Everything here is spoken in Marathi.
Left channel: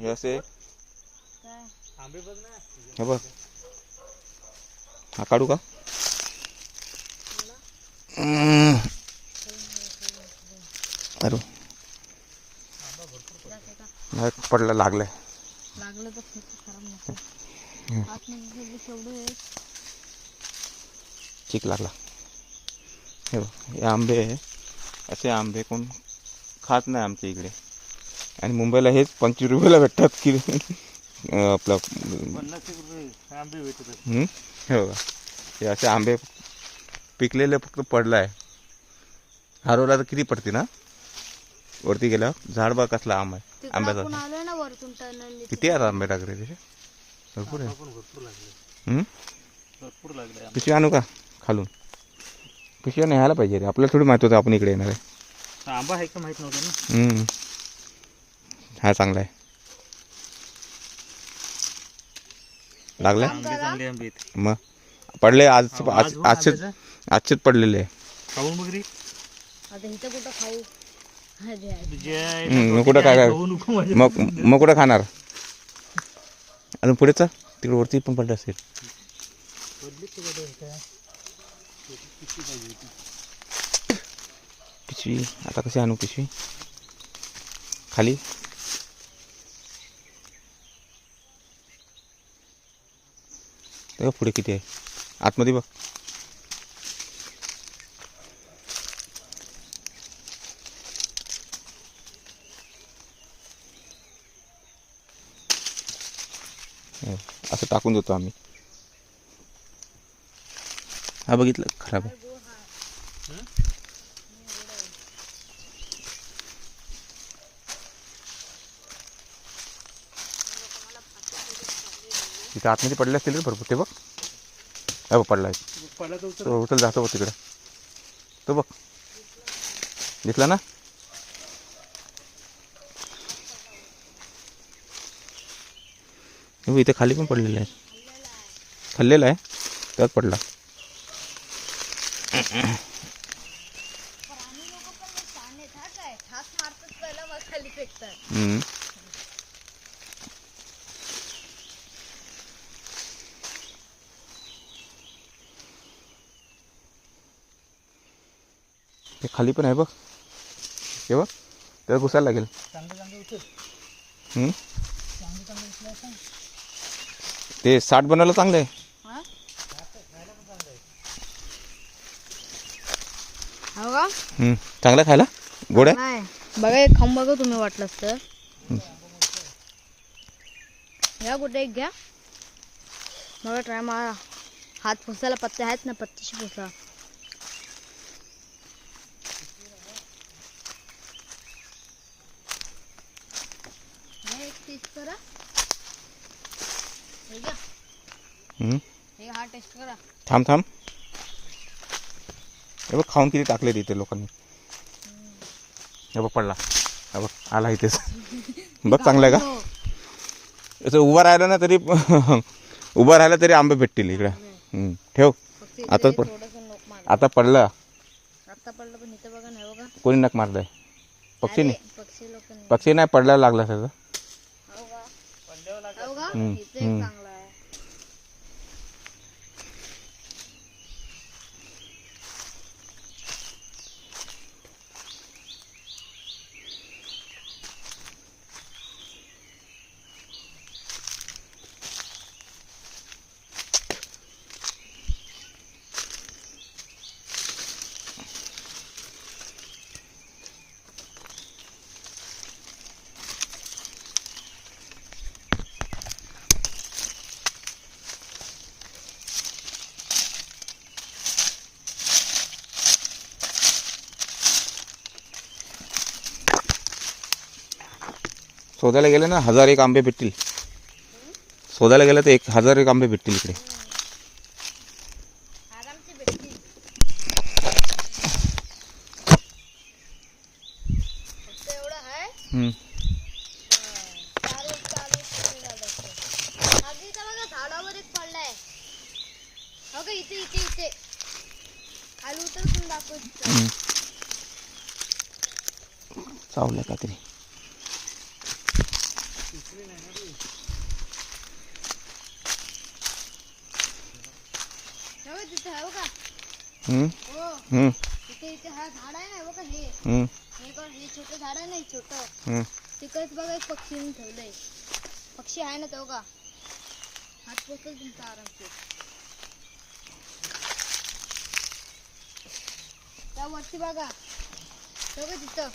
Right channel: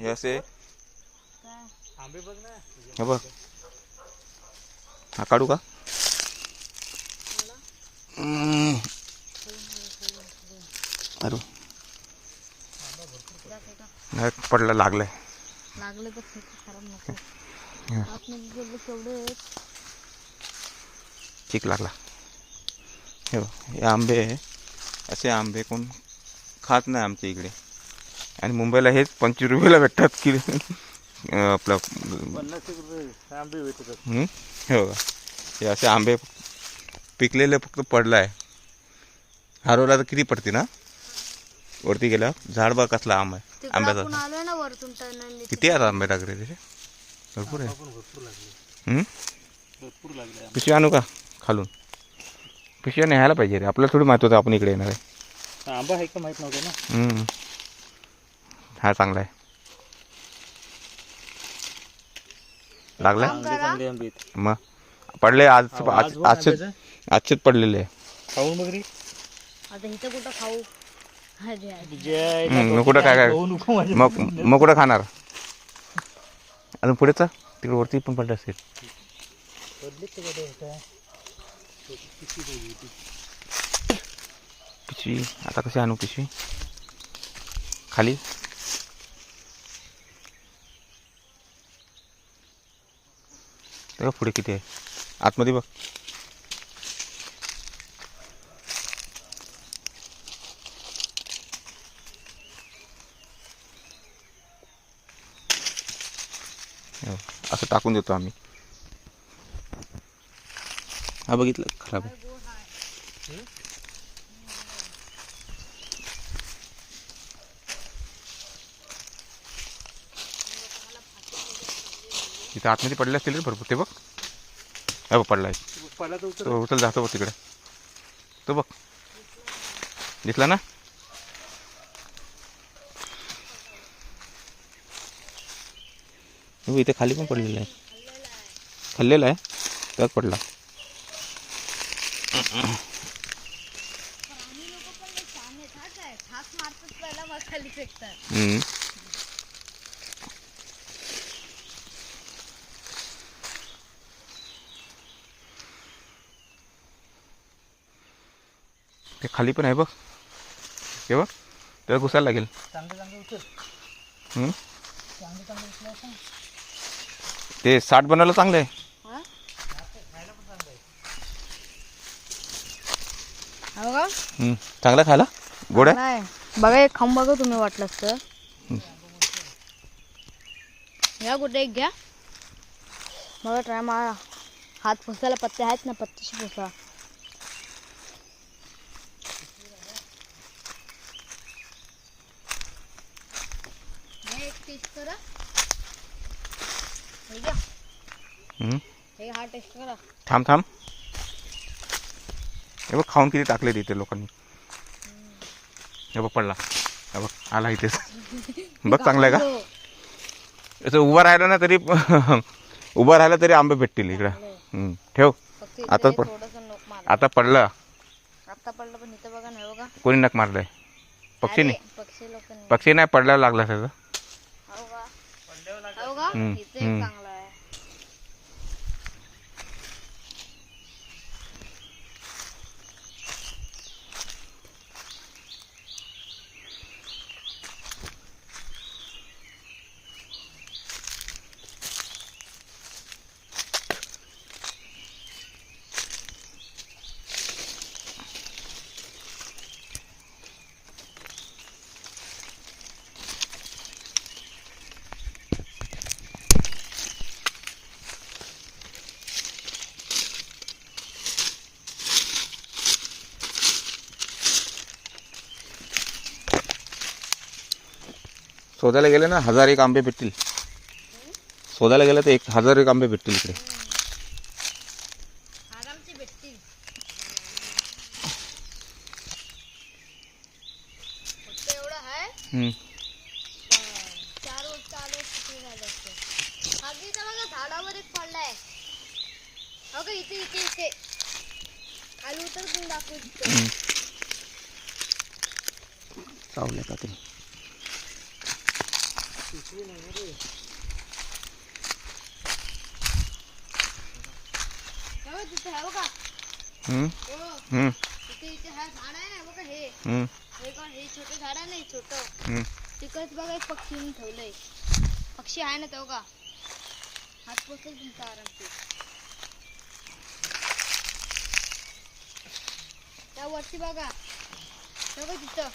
हे असे आंबे बघ ना. हे बघ, हा काढू का? अरे नाही पडलं, लागलंय. लागलं तर खराब नको. ठीक लागला. हे बघ, हे आंबे असे आंबे कोण खात नाही आमच्या इकडे, आणि मुंबईला हेच 25 रुपयाला भेटतात की आपलं 50 रुपये आंबे भेटतात. हे बघा, हे असे आंबे पिकलेले फक्त पडलं आहे. हरवला तर किती पडते ना वरती गेल्या. झाड बघ कसला आंबा आहे आंब्याचा. किती आहेत आंबे लागले त्याचे? भरपूर आहे. भरपूर लागले. पिशवी आणू का खालून? पिशव्या न्यायला पाहिजे रे, आपल्याला थोडी माहिती होतं आपण इकडे येणार आहे. आंबा आहे का माहित नव्हतं ना. हा चांगला आहे. लागलाय चांगले आंबे आहेत. मग पडले आजचेच पडलेले आहे. खाऊ मग रे. आता इथं कुठं खाऊ? मग कुठं काय मग कुठं खाणार? अजून पुढेच तिकडे वरती पण पडलं असेल. पिशवी आता कसं आणू? पिशवी खाली. तेव्हा पुढे किती आहे आतमध्ये बघ. असं टाकून देतो आम्ही. हा बघितलं, खराब आहे. तिथे आतमध्ये पडले असतील रे भरपूर. ते बघ, हा बघ पडला आहे. तो उचल जातो बघ तिकडे. तो बघ, दिसला ना? इथे खाली पण पडलेलं आहे. खाल्लेला आहे त्यात पडला. ते खाली पण आहे बघ. हे बघ, त्याला घुसायला लागेल. ते 60 बनवलं चांगलं आहे. चांगला खायला गोड आहे. बघा एक खाऊन बघा तुम्ही वाटलंच तर. या कुठे एक घ्या बघा, ट्राय मारा. हात पुसायला पत्ते आहेत ना, पत्तीशी पुसा. थांब थांब. हे बघ खाऊन किती टाकले तिथे लोकांनी. हे बघ पडला. हे बघ आला इथेच. बघ चांगलं आहे का? असं उभं राहिलं ना तरी उभं राहिलं तरी आंबे भेटतील इकडं. ठेव. आता पडलं. कोणी नक मारलंय? पक्षीने. पक्षी नाही, पडल्यावर लागला त्याचं. शोधायला गेले ना 1001 आंबे भेटतील. शोधायला गेलं तर 1001 आंबे भेटतील इकडे. चावलं का ते? तेव्हा तिथे आहे बघा हम्म, हो हम्म, तिथे इथे हा झाड आहे ना बघा हे हम्म, हे बघ हे छोटं झाड आहे ना छोटं हम्म. तिकडच बघा एक पक्षीने ठेवलंय पक्षी आहे ना तो का हात पोचल तुमचा आरामशीर त्या वरती बघा तो का तिथं